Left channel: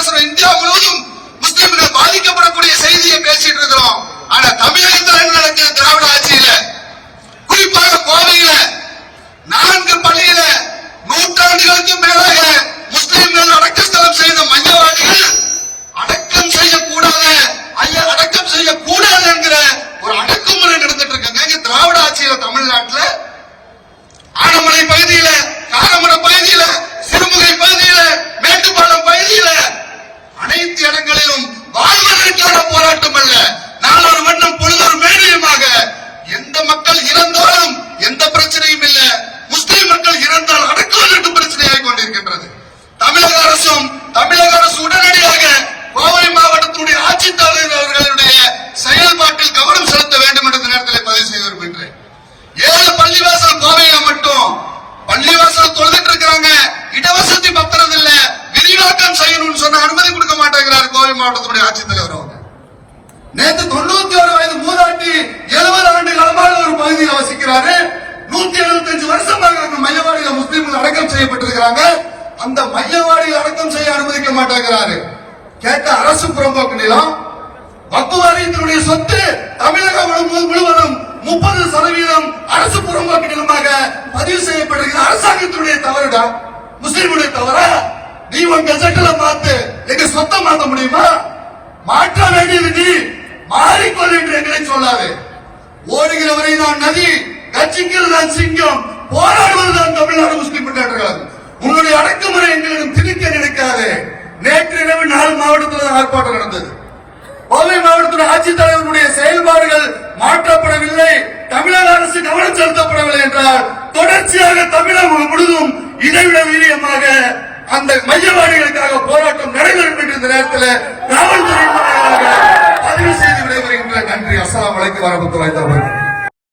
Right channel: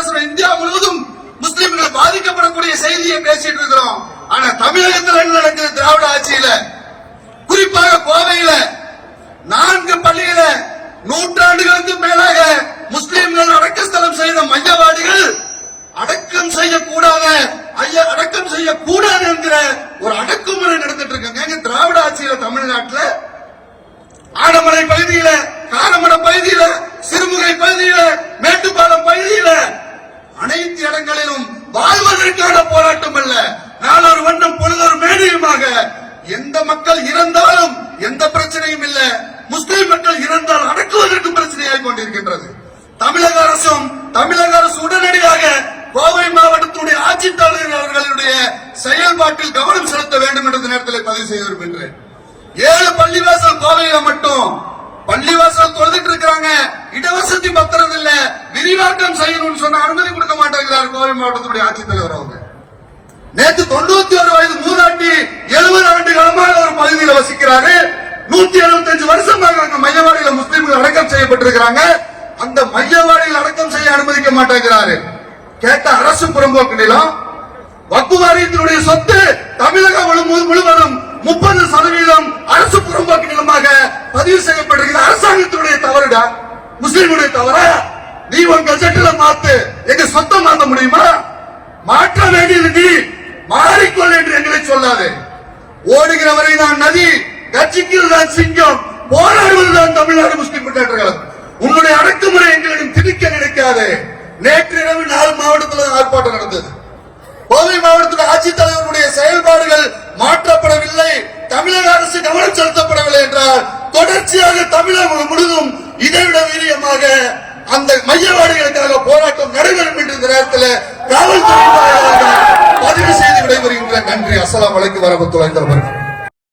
பேசுறோம். இந்தியா முழுவதும் முஸ்லிம்கள் பாதிக்கப்படக்கூடிய செய்தியை பேசிட்டு இருக்கிறோம். ஆனா தமிழகத்தில் என்ன நடக்குது? திராவிட ஆட்சியில குறிப்பாக கோவையில 4 பள்ளியில நூற்றாண்டுகளுக்கு மேலாக முஸ்லிம்கள் அடக்கஸ்தலம் செய்த மையவாடிகள் அடக்கம் செய்யக்கூடாது, அடக்கம் செய்யக்கூடாது என்கிற ஒரு அடக்குமுறை நடந்துட்டு இருக்காங்க. திராவிட ஆட்சியில தமிழ்நாட்டில் ஆனமலை பகுதியில, காரமடம் பகுதியில, சிறுமுகை பகுதியில, மேட்டுப்பாளையம் பகுதியில அனைத்து இடங்களிலும் வாழ்வதற்கான போராட்டம் அல்ல, நாளொரு வண்ணம் பொழுதொரு மேடையுமாக எந்த மக்கள் இறந்தாலும் எந்த பிரச்சனையும் இல்ல, முஸ்லிம் மக்கள் இறந்தால் அடக்குவதற்கு பிரச்சனையாகிக் கொண்டிருக்கின்றது. தமிழக அரசு உடனடியாக கோவை மாவட்டத்தினுடைய ஆட்சித்தலைவர்களுடைய செயல்பாட்டில் கவனம் செலுத்த வேண்டும் என்று இந்த நேரத்தில் பதிவு செய்து விரும்புகிறேன். 7 பள்ளிவாசல் கோவையில மட்டும் பள்ளிவாசல் தொழுதுட்டு இருக்கிறாங்க, இடவசதி பத்திரம் இல்ல, விரிவாக்கம் செய்யணும்னு சொன்ன அனுமதி கொடுக்க மாட்டேங்கிறார் கோவை மாவட்டத்தினுடைய ஆட்சித்தலைவர் அவங்க. நேற்று 91 வயது மூதாட்டி 70 ஆண்டு காலமாக ஒரு பகுதியில் வசிக்கிறாரு. 175 வருஷமாக அந்த மையவாடியில் முஸ்லிம்கள் அடக்கம் செய்யப்பட்டிருக்கிறாங்க. அந்த மையவாடியில் அடக்கம் செய்ய அனுமதிக்க மாட்டேங்கிறாரு. கேட்ட அரசு புறம்போக்கு நிலம், வக்பு வாரியத்தினுடைய சொத்து தமிழகம் முழுவதும் 30% அரசு புறம்போக்கு நிலமாக பதிவு செய்யப்பட்டிருக்கிற அரசாங்கத்தினுடைய தவறுடா, முஸ்லிமுடைய தவறா? நீ உன் கஜெட்ல மாத்து, எங்க சொத்தை மாற்ற முடியுமா? மாற்ற வேண்டியது நீ, மாறிக்கொள் என்று எங்களை சொல்லாது. ஓடுகிறவரை நான் நதி, கட்சிக்கில் தான் சிங்கம், போராடுவதுதான் தமிழ்நாடு முஸ்லிம் முன்னேற்ற கழகம். உங்களுடைய அடக்குமுறை எங்களிடம் திணிக்க நினைக்காது. நேற்று இரவு 4 மாவட்டத்தில் ஆர்ப்பாட்டம் நடந்தது. கோவை மாவட்டத்தில் ஆட்சித்தலைவருடைய செயல்பாடுகள் மாற்றப்படவில்லை, தமிழக அரசு கவனம் செலுத்தப்படவில்லை என்றால் தொடர்ச்சியாக தமிழகம் முழுவதும் இதைவிட வீரியமாக அந்த மையவாடிகளுக்காக போராட்டம் நடைபெறும் என்று இந்த நேரத்தில் காவல்துறை பதிவு செய்து விடைபெறுகின்ற. நன்றி. அஸ்ஸலாமு அலைக்கும் வரஹ்மத்துல்லாஹி வபரகாத்துஹு.